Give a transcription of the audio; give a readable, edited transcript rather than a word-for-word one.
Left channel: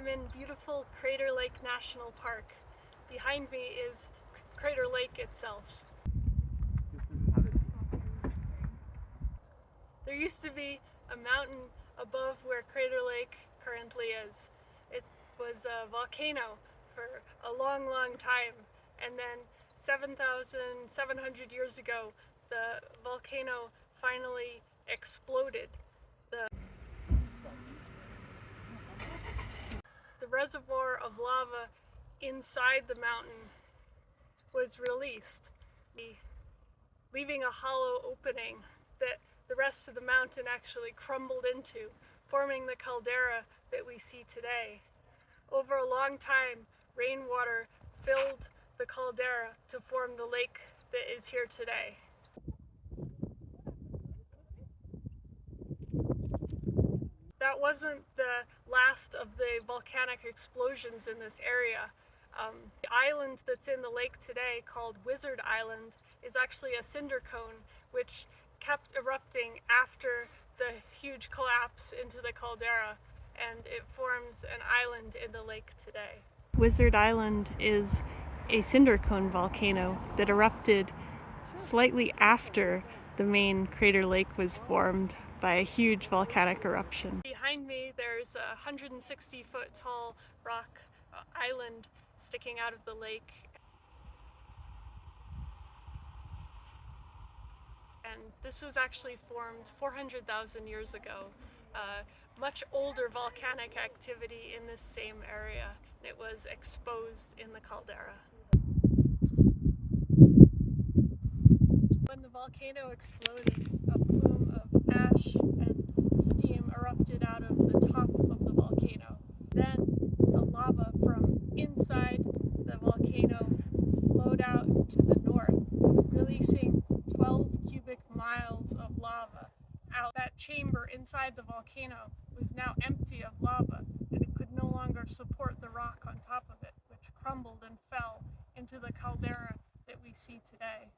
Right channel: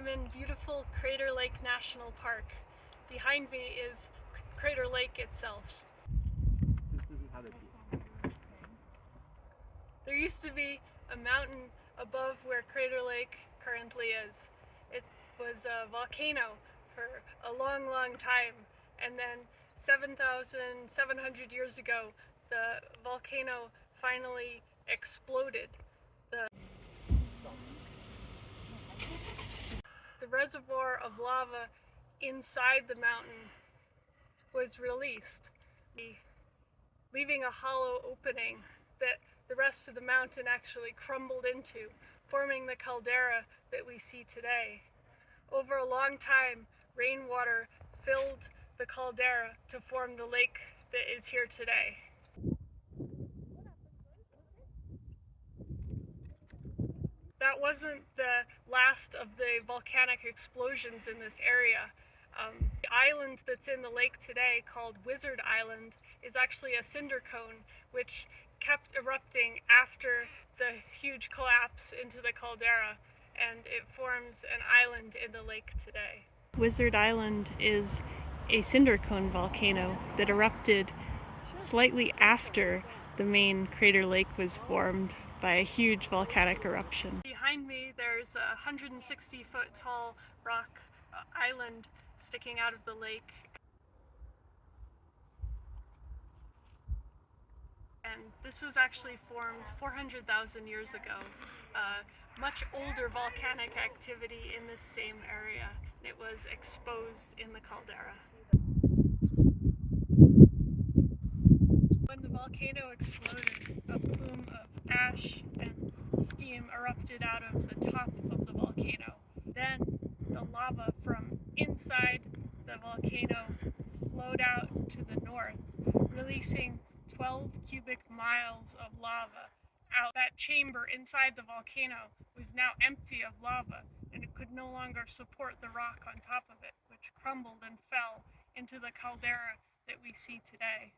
I'm in beautiful Crater Lake National Park. Behind me is Crater Lake itself. There used to be a mountain above where Crater Lake currently is. It was a volcano for a long, long time, and then 7,700 years ago the volcano finally exploded. The reservoir of lava inside the mountain was released, leaving a hollow opening that the rest of the mountain actually crumbled into, forming the caldera that we see today. Over a long time, rainwater filled the caldera to form the lake that is here today. That wasn't the last of the volcanic explosions in this area. The island that's in the lake today, called Wizard Island, is actually a cinder cone which kept erupting after the huge collapse into the caldera, and it forms an island in the lake today. Wizard Island is a cinder cone volcano that erupted slightly after the main Crater Lake was formed by a huge volcanic eruption. Behind me there's a 160-foot tall rock island sticking out of the lake. And this was actually formed 400,000 years ago. Much older volcanic activity in this same area. It was exposed in the caldera. When the volcano exploded, a plume of ash and steam erupted out of the top of the volcano. Then the lava from inside the volcano flowed out to the north, releasing 12 cubic miles of lava out. That chamber inside the volcano was now empty of lava, and it could no longer support the rock on top of it, which crumbled and fell into the caldera that we see today.